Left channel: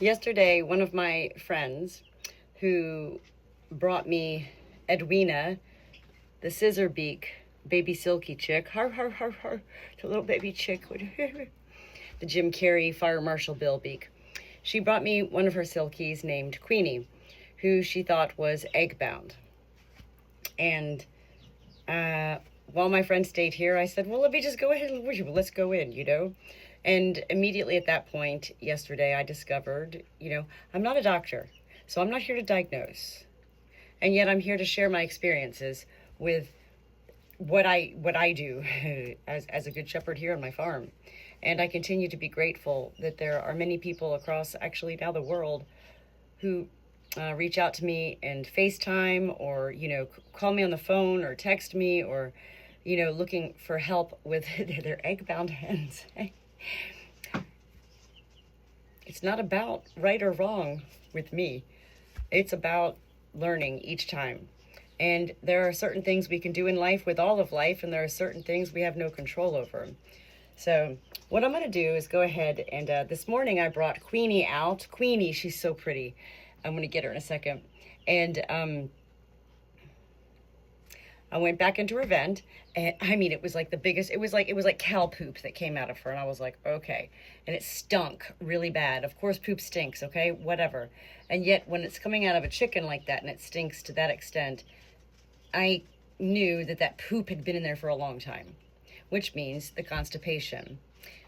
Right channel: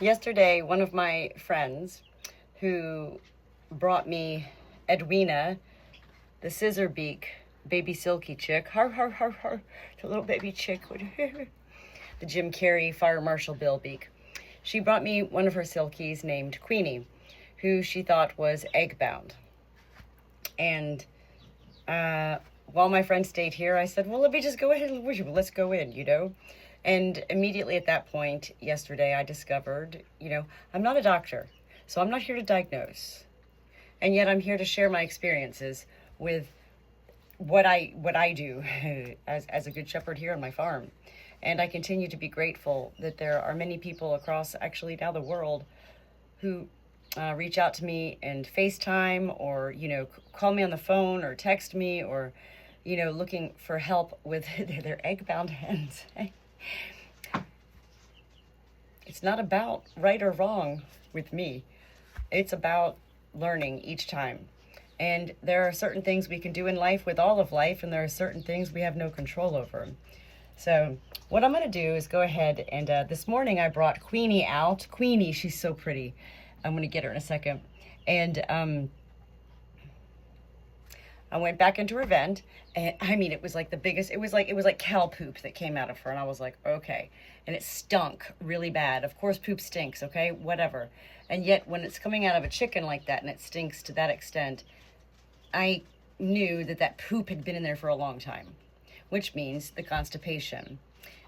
Yesterday, one of my friends who brought me Edwina, the scissor beak, baby silky chick, har har har har, the little baby chick, the Jim Carrey Fire Marshal Bill beak. She brought me one of her silkies named Queenie, who she thought was egg bound. And while my friend stayed here, I said, well, let me just go ahead and let's go in, And immediately at that point, yesterday, I discovered, I'm not a doctor, so I'm not here to diagnose. And yet I'm here to share my experiences with what I do as a good shepherd here on my farm. And I continue to be grateful that there are many people across actually now the world who reach out to me and FaceTime or, call me on the phone or text me or, looking for help with their egg-bound hens. It's not about right or wrong with me. It's about learning each time. And there are certain things we can do in life with all of life, and there are certain things we have no control over. So what I'm going to do is go ahead and this morning I brought Queenie out. Queenie, she's so pretty. I'm going to get her in a second. And I went back into her vent, and I mean, it was like the biggest, it was like cow poop that came out of her. And I was like, okay. And it stunk really bad. Of course, poop stinks, okay, whatever. And yet when it's coming out of a chicken like that and it stinks to that extent, I knew that poop had been in there for a long time, which means the constipation.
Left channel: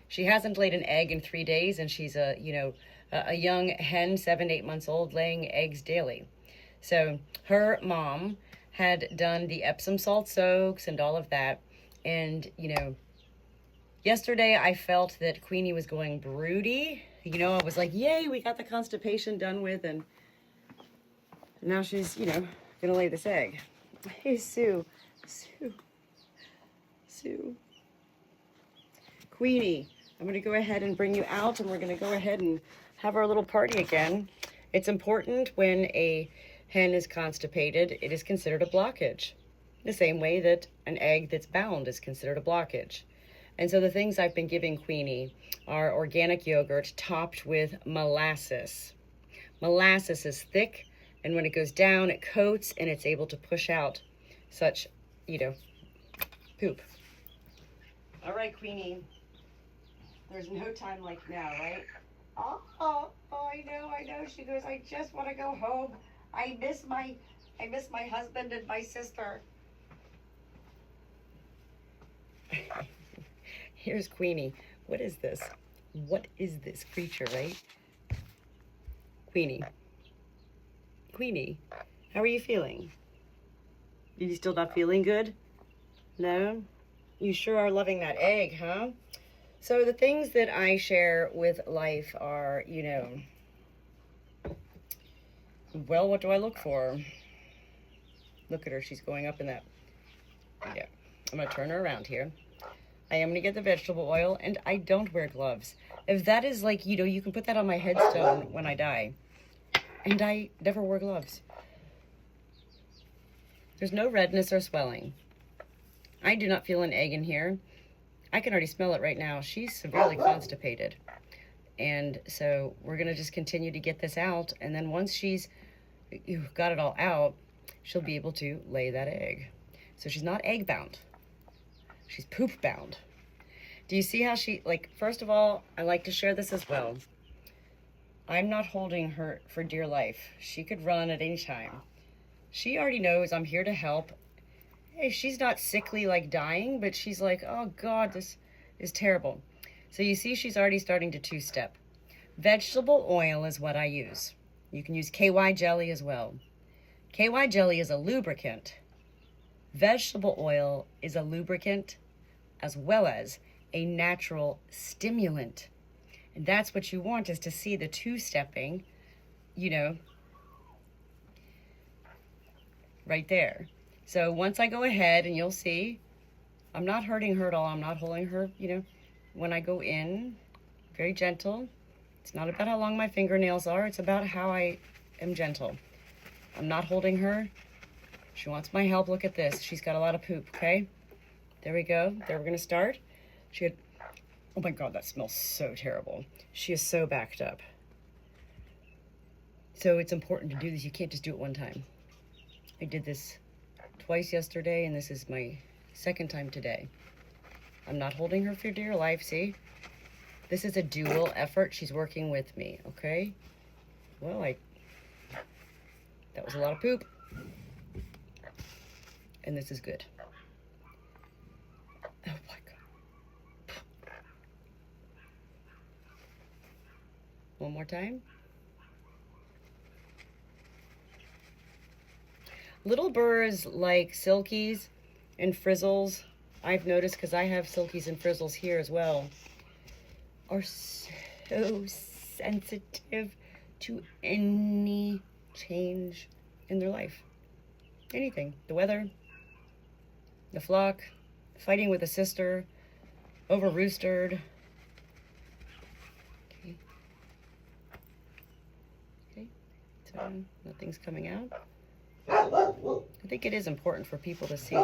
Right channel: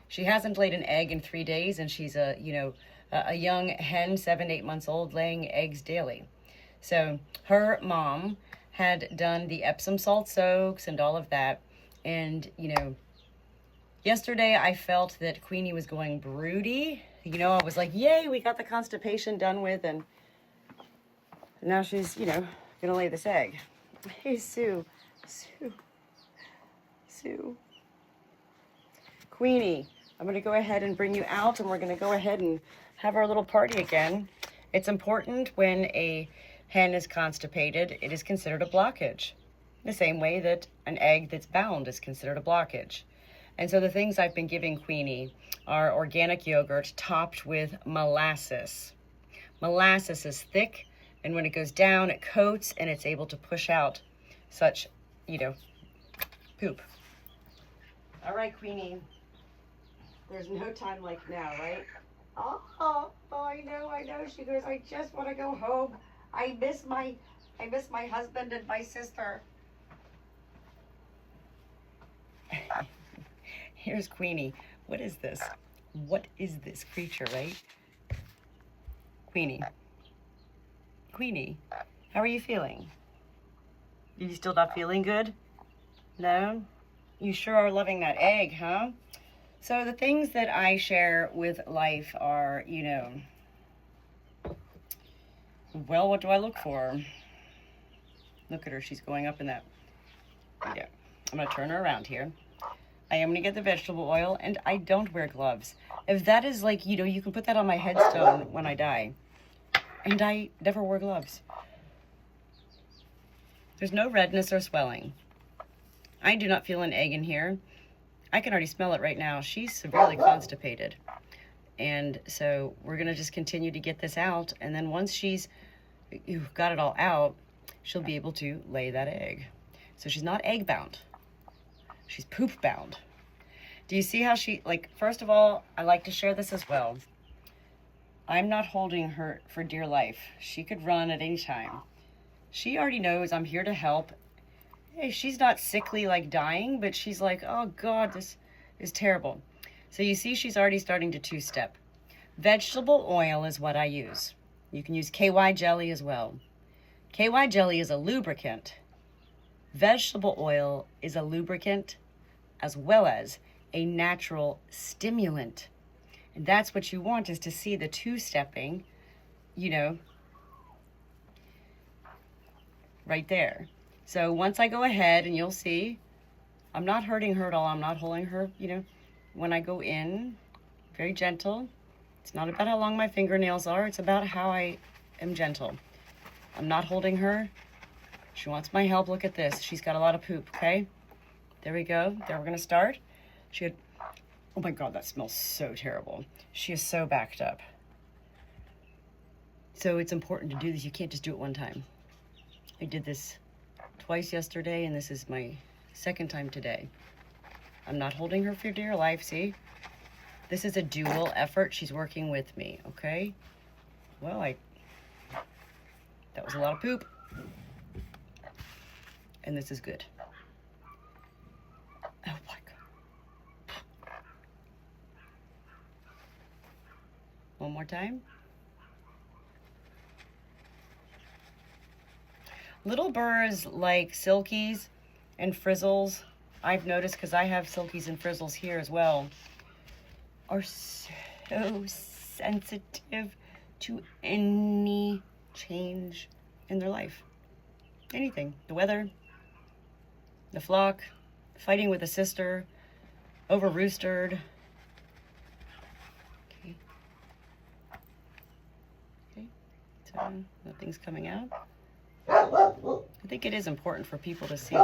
She hasn't laid an egg in 3 days, and she's a young hen, 7 to 8 months old, laying eggs daily. So her mom had done the Epsom salt soaks and all of that. And, yesterday I felt that Queenie was going broody. I was like, yay, we got the constipation done with. And now she's, going to lay this egg. Hey, Sue. Queenie, I'm going to go ahead and bring you out, and we're going to go ahead and have our little party again. It's important when a hen is constipated, it is considered a blockage, the same way that an egg that's bound is considered a blockage. And so the things I've been giving Queenie are organic yogurt topped with molasses. Molasses is thick, and when it goes down, it coats, and it's able to push out such, poop. All right, Queenie. There's no time like now, right? Oh, I know. She goes, I just want to go home. I miss my husband and my sister. Here's Queenie. What is this? What is this creature, right? Queenie, how are you feeling? Are you still not feeling good? No? You sure are loving that egg, huh? So the things that I share with life are, well, what do I look for? Look at her. She's going up in that. Yeah. I'm going to turn her around here. I am going to get the vegetable oil, and I don't wear gloves. If that is like, you can put that on my headstone when I die. And I never wore gloves. There's no redness or swelling. I do not feel an egg in here. I can already smell it right now. She's severely constipated. And so we're going to just continue to get this out. And then once she's got it all out, she'll be able to lay that egg. So she's not egg bound. She's poop bound. Do you see how she, first of all, I like to share this as well. I'm not holding her for dear life. She could run at any time. She already knows I'm here to help. Hey, she's not sickly like dying, but she's like, oh God, this is terrible. So you see she's already starting to two-step. Vegetable oil is what I use. You can use KY jelly as well. KY jelly is a lubricant. Vegetable oil is a lubricant as well as a natural stimulant. And that's what you want, is to see the two-stepping, right there. So once I go ahead, and you'll see, I'm not hurting her at all. I'm not holding her, when I go in, very gentle. It's not about how long my fingernails are. It's about how I am gentle. I'm not holding her. She wants my help. Look at this. She's got a lot of poop, okay? There we go. There, we're going to start. Oh my God, that smells so terrible. She is so backed up. So it's important to do this. You can't just do it one time. I did this twice yesterday, and this is my second time today. I'm not holding her for dear life, see? This is a dual effort. She's working with me, okay? Well, that was a lot of poop. And this is good. Oh my God. One more time. Little burrs like silkies and frizzles, I've noticed, because I have silkies and frizzles here as well, are so sensitive to any change in their life. Anything. The weather, the flock, fighting with a sister, over roostered. Okay, so nothing's coming out. I think it is important for people to see.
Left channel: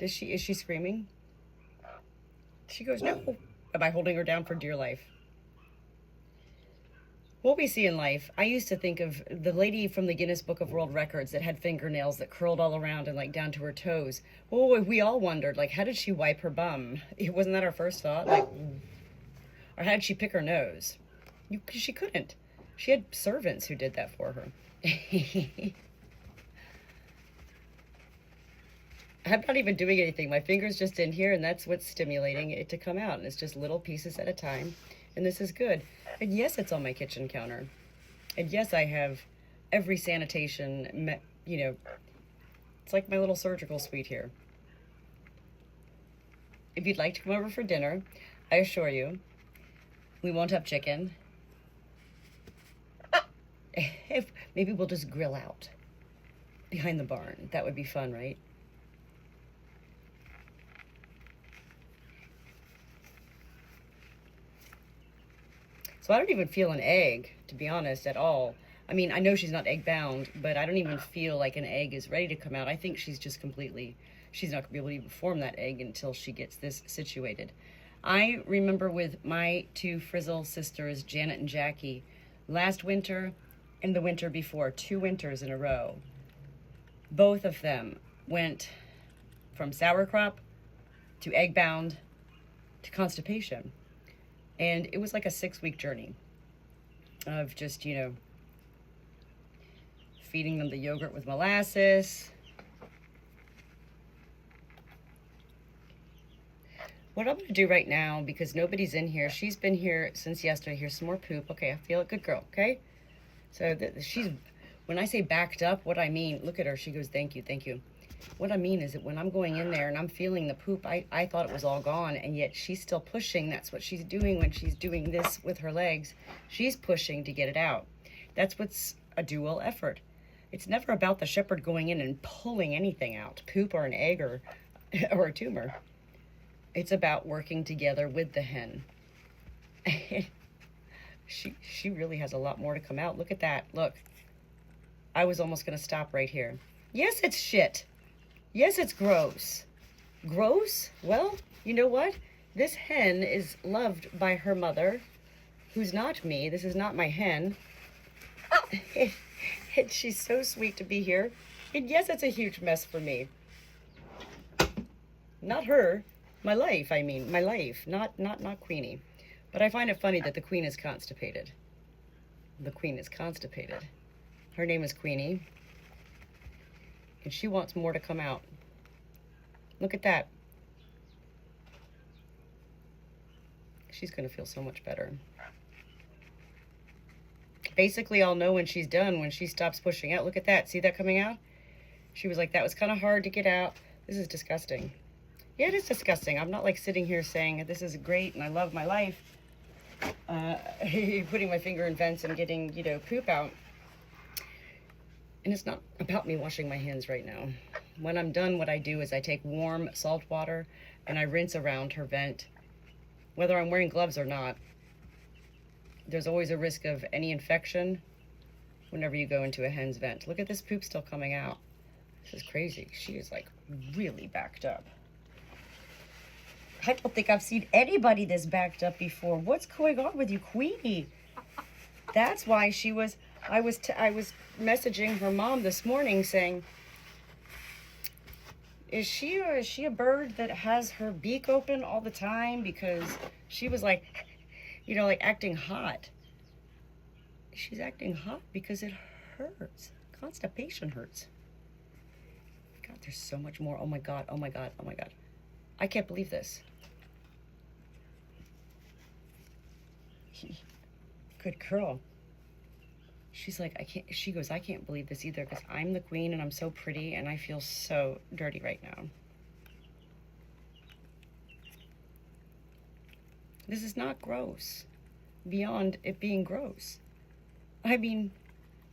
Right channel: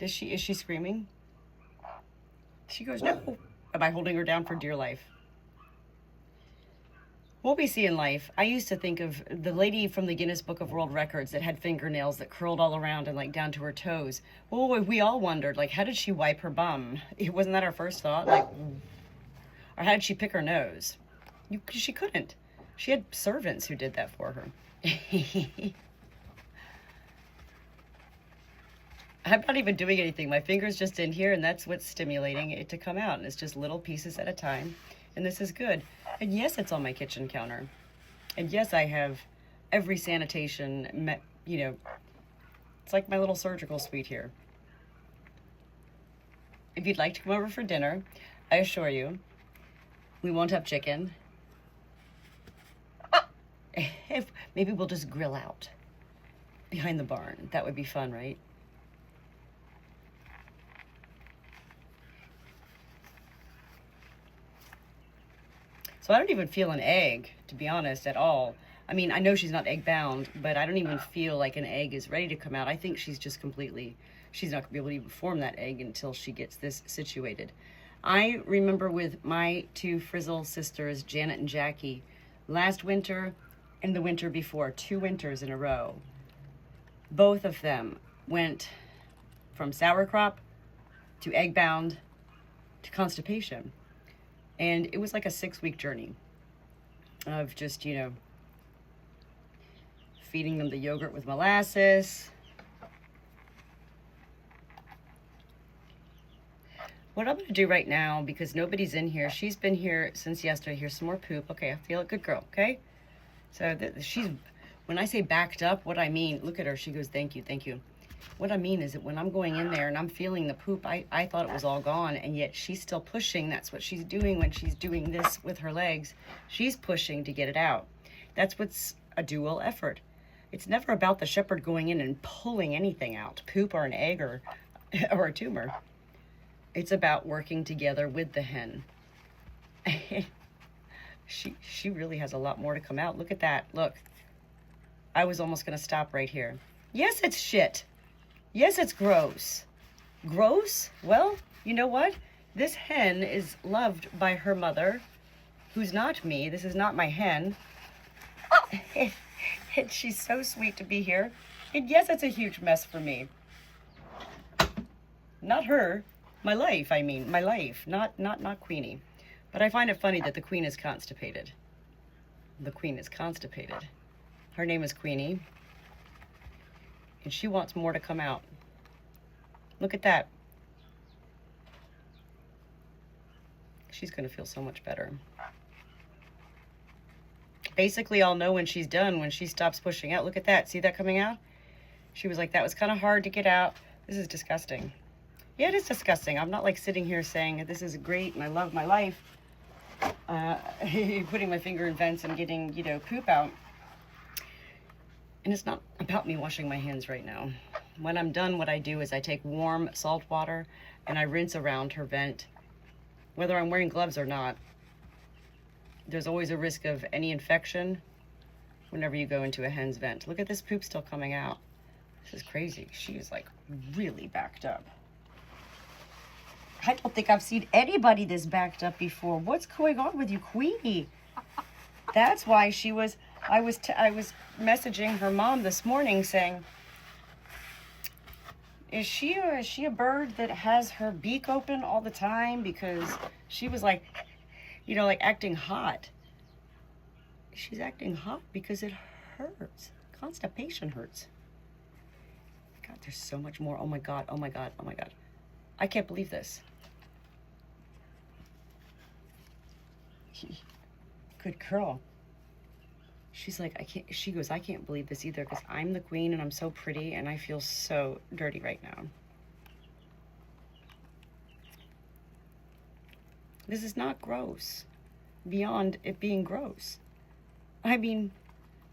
Is she screaming? She goes, no. Am I holding her down for dear life? What we see in life, I used to think of the lady from the Guinness Book of World Records that had fingernails that curled all around and like down to her toes. Well, we all wondered, like, how did she wipe her bum? Wasn't that our first thought? Like, or how did she pick her nose? She couldn't. She had servants who did that for her. I'm not even doing anything. My finger's just in here, and that's what's stimulating it to come out. And it's just little pieces at a time. And this is good. And yes, it's on my kitchen counter. And yes, I have every sanitation, it's like my little surgical suite here. If you'd like to come over for dinner, I assure you, we won't have chicken. Maybe we'll just grill out behind the barn. That would be fun, right? So I don't even feel an egg, to be honest, at all. I mean, I know she's not egg bound, but I don't even feel like an egg is ready to come out. I think she's just she's not gonna be able to even form that egg until she gets this situated. I remember with my two Frizzle sisters, Janet and Jackie, last winter and the winter before, 2 winters in a row, both of them went from sour crop to egg bound to constipation. And it was like a 6-week journey of just, feeding them the yogurt with molasses. What I'm going to do right now, because nobody's in here, she's been here since yesterday. Here's some more poop. Okay, I feel it. Good girl, okay? So when I say backed up, what I mean, look at her. She goes, thank you, thank you. What I mean is that when I'm going in there and I'm feeling the poop, I thought it was all gone, and yet she's still pushing. That's what she's doing when she's doing this with her legs. She's pushing to get it out. That's what's a dual effort. It's never about the shepherd going in and pulling anything out, poop or an egg or a tumor. It's about working together with the hen. She really has a lot more to come out. Look at that. Look. I was almost going to stop right here. Yes, it's shit. Yes, it's gross. Gross? Well, you know what? This hen is loved by her mother, who's not me. This is not my hen. And she's so sweet to be here. And yes, it's a huge mess for me. Not her. My life, I mean. My life. Not Queenie. But I find it funny that the queen is constipated. The queen is constipated. Her name is Queenie. And she wants more to come out. Look at that. She's going to feel so much better. Basically, I'll know when she's done, when she stops pushing out. Look at that. See that coming out? She was like, that was kind of hard to get out. This is disgusting. Yeah, it is disgusting. I'm not like sitting here saying this is great and I love my life. Putting my finger in vents and getting, poop out. And it's not about me washing my hands right now. When I'm done, what I do is I take warm salt water and I rinse around her vent. Whether I'm wearing gloves or not, there's always a risk of any infection whenever you go into a hen's vent. Look at this poop still coming out. This is crazy. She is like really backed up. I don't think I've seen anybody this backed up before. What's going on with you, Queenie? That's why she was I was messaging her mom this morning saying, is she a bird that has her beak open all the time? Because she was like, you know, like acting hot. She's acting hot because it hurts. Constipation hurts. God, there's so much more. Oh my God, oh my God, oh my God. I can't believe this. Good girl. She's like, she goes, I can't believe this either because I'm the queen and I'm so pretty and I feel so dirty right now. This is not gross, beyond it being gross. I mean,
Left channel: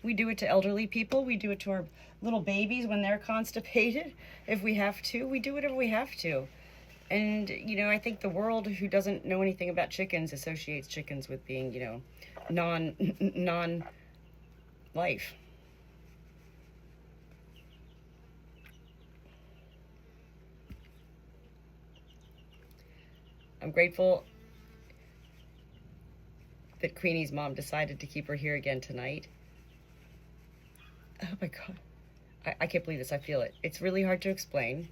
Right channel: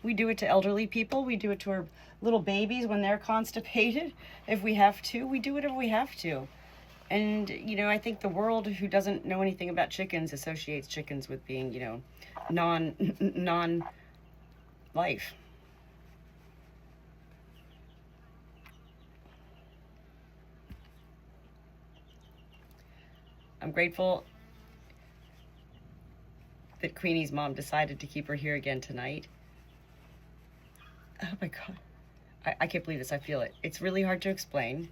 we do it to elderly people. We do it to our little babies when they're constipated. If we have to, we do whatever we have to. And, you know, I think the world who doesn't know anything about chickens associates chickens with being, you know, non-life. I'm grateful that Queenie's mom decided to keep her here again tonight. Oh my God. I can't believe this. I feel it. It's really hard to explain.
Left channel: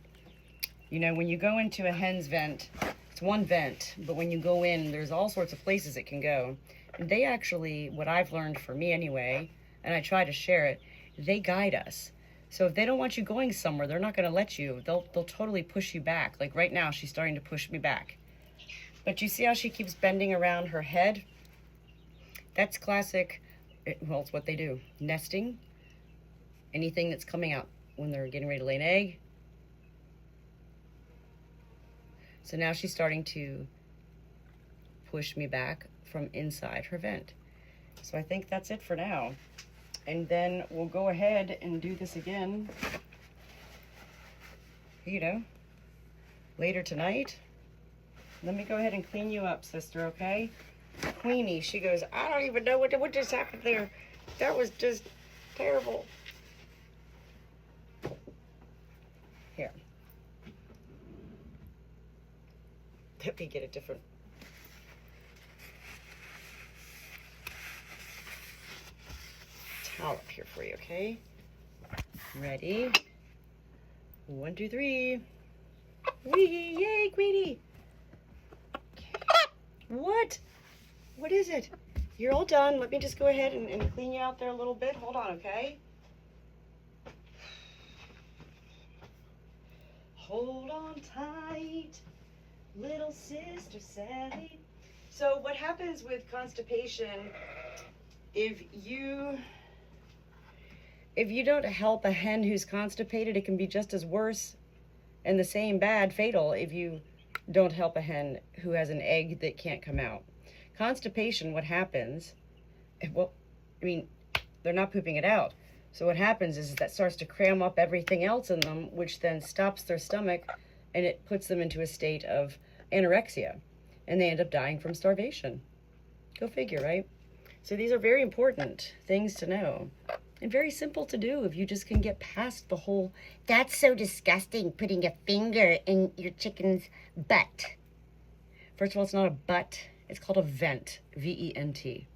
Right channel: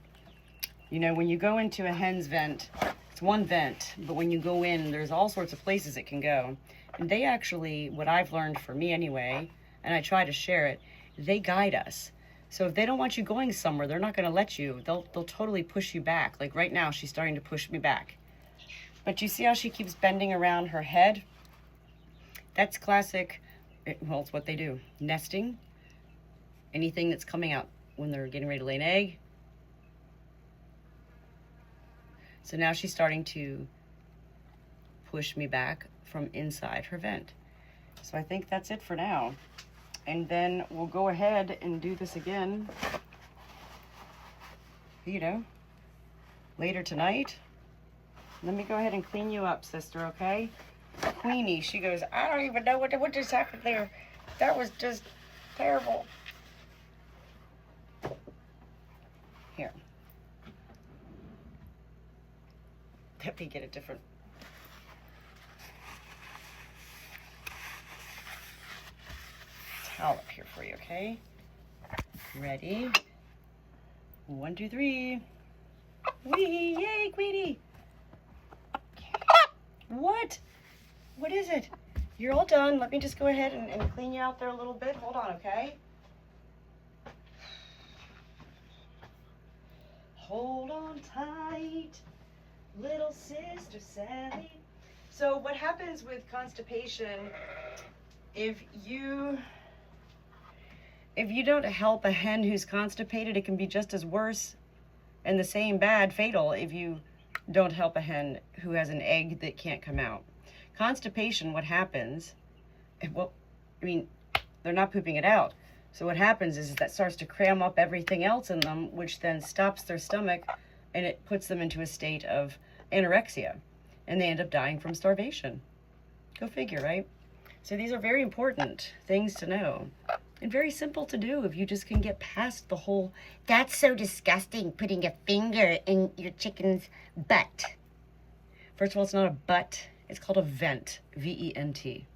You know, when you go into a hen's vent, it's one vent, but when you go in, there's all sorts of places it can go. And they actually, what I've learned for me anyway, and I try to share it, they guide us. So if they don't want you going somewhere, they're not going to let you. They'll totally push you back. Like right now, she's starting to push me back. But you see how she keeps bending around her head? That's classic, well, it's what they do. Nesting. Anything that's coming out when they're getting ready to lay an egg. So now she's starting to push me back from inside her vent. So I think that's it for now. And then we'll go ahead and do this again, you know, later tonight. Let me go ahead and clean you up, sister, okay? Queenie, she goes, I don't even know what just happened there. That was just terrible. Here. Let me get a different. Towel up here for you, okay? Ready? 1, 2, 3. Wee! Yay, Queenie! What? What is it? You're all done. Let me just go ahead and clean you out there a little bit. Hold on, okay? Hold on tight, little sister Sally. So what happens with constipation, if you don't help a hen who's constipated, it can be just as worse and the same bad, fatal, if you don't help a hen who has an egg that can't come out. Constipation, what happens, well, I mean, they're not pooping it out. So what happens is that starts to cram up everything else in them, which then stops their stomach and it puts them into a state of anorexia. And they end up dying from starvation. Go figure, right? So these are very important things to know. And very simple to do if you just can get past the whole, that's so disgusting, putting a finger in your chicken's butt. First of all, it's not a butt. It's called a vent, V-E-N-T.